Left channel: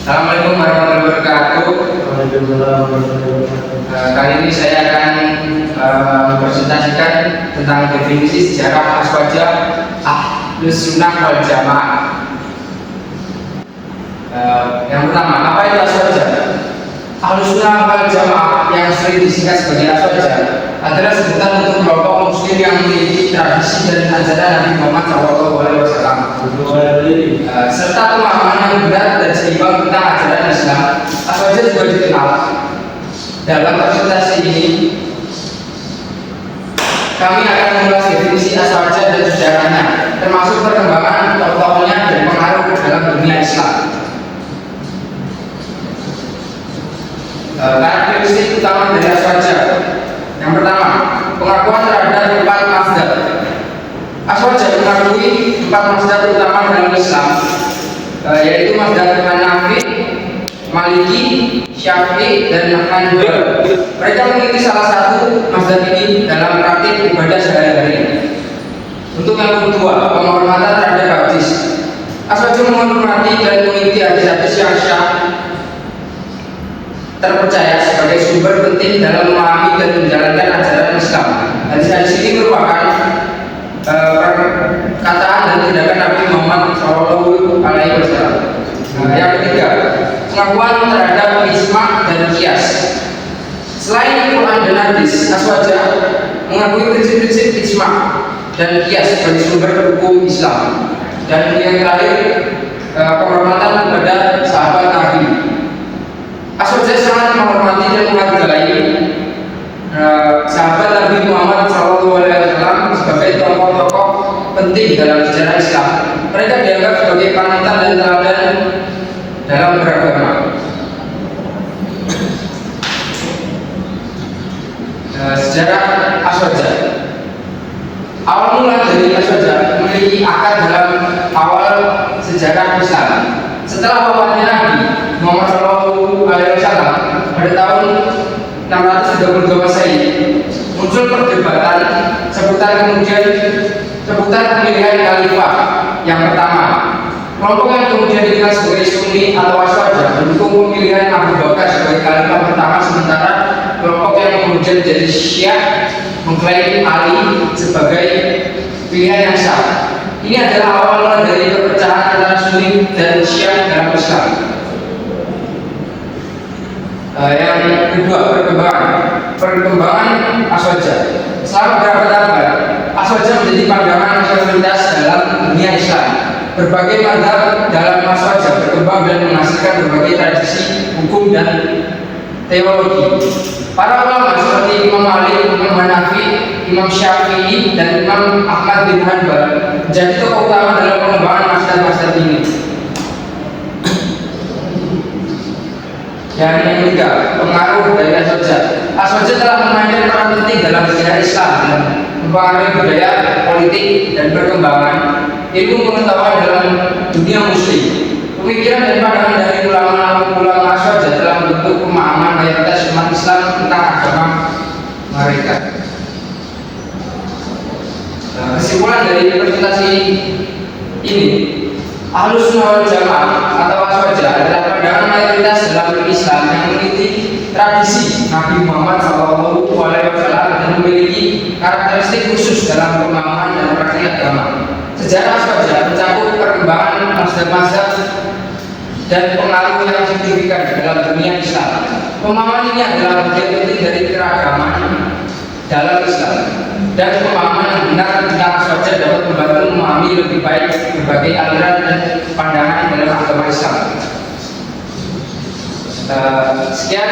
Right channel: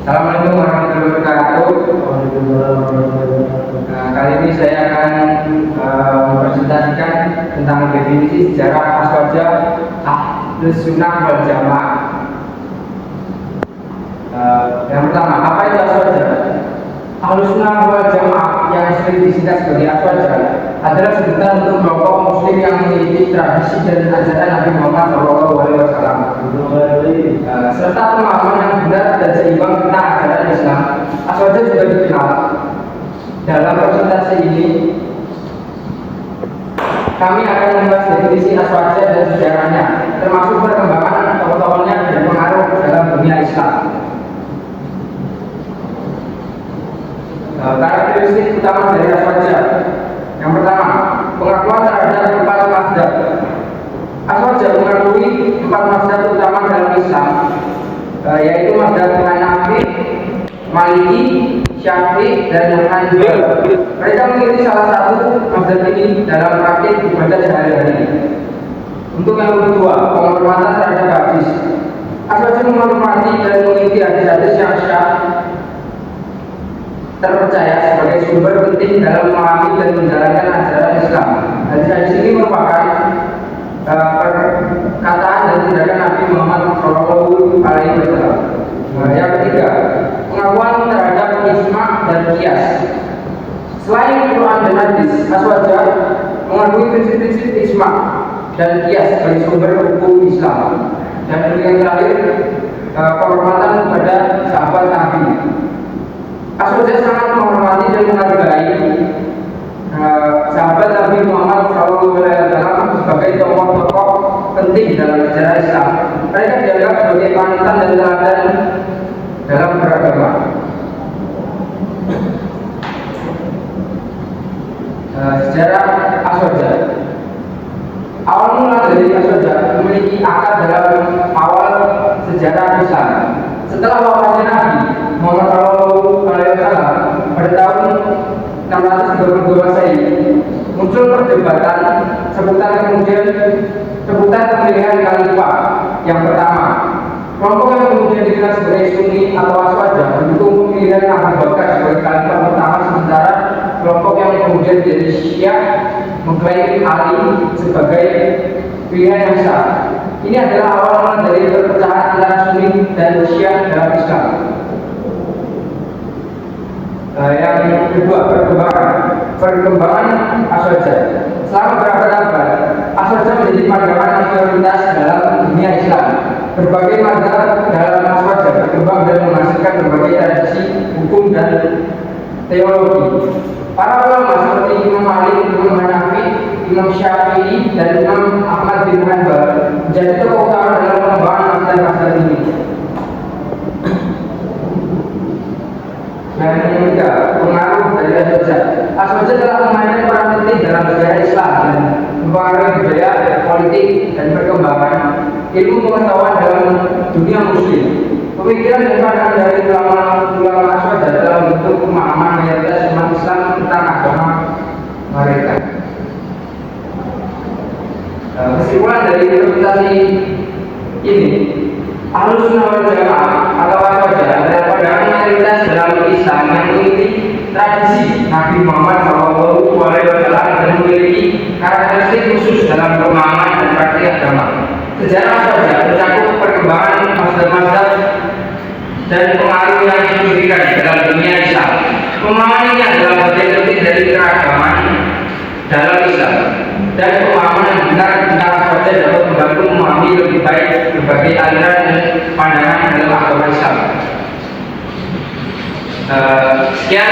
Assalamualaikum warahmatullahi wabarakatuh. Waalaikumsalam warahmatullahi wabarakatuh. Kali ini saya akan mempresentasikan tentang definisi sejarah aswaja Ahlus Sunnah wal Jamaah. Yang pertama, apa itu aswaja? Ahlus Sunnah wal Jamaah yang sering disingkat sebagai aswaja adalah sebutan untuk kelompok muslim yang memiliki tradisi dan ajaran Nabi Muhammad SAW, serta pemahaman yang benar dan seimbang tentang ajaran Islam. Aswaja juga dikenal. Dalam presentasi ini, kami akan mengulas definisi aswaja dan sejarahnya, termasuk perkembangan tokoh-tokohnya dan pengaruh dalam dunia Islam. Karakteristik utama dari aswaja. Yang pertama, pengakuan terhadap 4 mazhab. Aswaja mengakui 4 mazhab utama dalam Islam, yaitu mazhab Hanafi, Maliki, Syafi'i, dan Hanbali. Mereka memiliki salah satu mazhab ini dalam praktik ibadah sehari-hari. Untuk yang kedua, penghormatan terhadap hadis. Aswaja menghormati dan mengikuti hadis-hadis yang syah terpercaya sebagai sumber penting dalam memahami dan menjalankan ajaran Islam. Hadis-hadis ini merupakan perkataan dan tindakan Nabi Muhammad SAW. Yang ketiga, pengakuan terhadap ijma' dan qiyas. Selain Quran dan hadis, aswaja mengakui prinsip-prinsip ijma' dan qiyas sebagai sumber hukum Islam. Dan yang terakhir, penghormatan kepada sahabat Nabi. Aswaja sangat menghormati dan menghargai sahabat Nabi Muhammad SAW sebagai tokoh-tokoh penting dalam sejarah Islam. Mereka dianggap sebagai panutan dan teladan dalam beragama. Sejarah aswaja. Awal mula dari aswaja memiliki akar dalam awal sejarah Islam. Setelah wafatnya Nabi Muhammad SAW pada tahun 632 Masehi, muncul perdebatan seputar pemilihan khalifah yang pertama. Kelompok yang kemudian dikenal sebagai Sunni atau aswaja mendukung pemilihan Abu Bakar sebagai khalifah pertama, sementara kelompok yang kemudian jadi Syiah mengklaim Ali sebagai pilihan yang sah. Ini adalah awal mula dari perpecahan antara Sunni dan Syiah dalam Islam. Yang kedua, perkembangan aswaja. Selama berabad-abad, aswaja menjadi pandangan mayoritas dalam dunia Islam. Berbagai mazhab dalam aswaja berkembang dan menghasilkan berbagai tradisi hukum dan teologi. Para ulama seperti Imam Malik, Imam Hanafi, Imam Syafi'i, dan Imam Ahmad bin Hanbal menjadi tokoh utama dalam pengembangan mazhab-mazhab ini. Yang ketiga, pengaruh dari aswaja. Aswaja telah memainkan peran penting dalam sejarah Islam dan mempengaruhi budaya, politik, dan perkembangan ilmu pengetahuan dalam dunia muslim. Pemikiran dan pandangan dari ulama aswaja telah membentuk pemahaman mayoritas umat Islam tentang agama mereka. Kesimpulan dari presentasi ini, Ahlus Sunnah wal Jamaah atau aswaja adalah pandangan mayoritas dalam Islam yang memiliki tradisi Nabi Muhammad SAW dan memiliki karakteristik khusus dalam pemahaman dan praktik agama. Sejarah aswaja mencakup perkembangan mazhab-mazhab dan pengaruh yang signifikan dalam dunia Islam. Pemahaman ini adalah bagian penting dari keragaman dalam Islam, dan pemahaman yang benar tentang aswaja dapat membantu memahami lebih baik berbagai aliran dan pandangan dalam agama Islam. Sekian,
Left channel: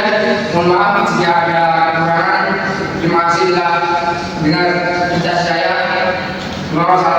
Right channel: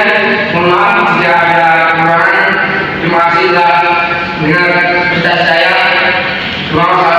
mohon maaf jika ada kekurangan. Terima kasih telah mendengar kita saya. Terima kasih.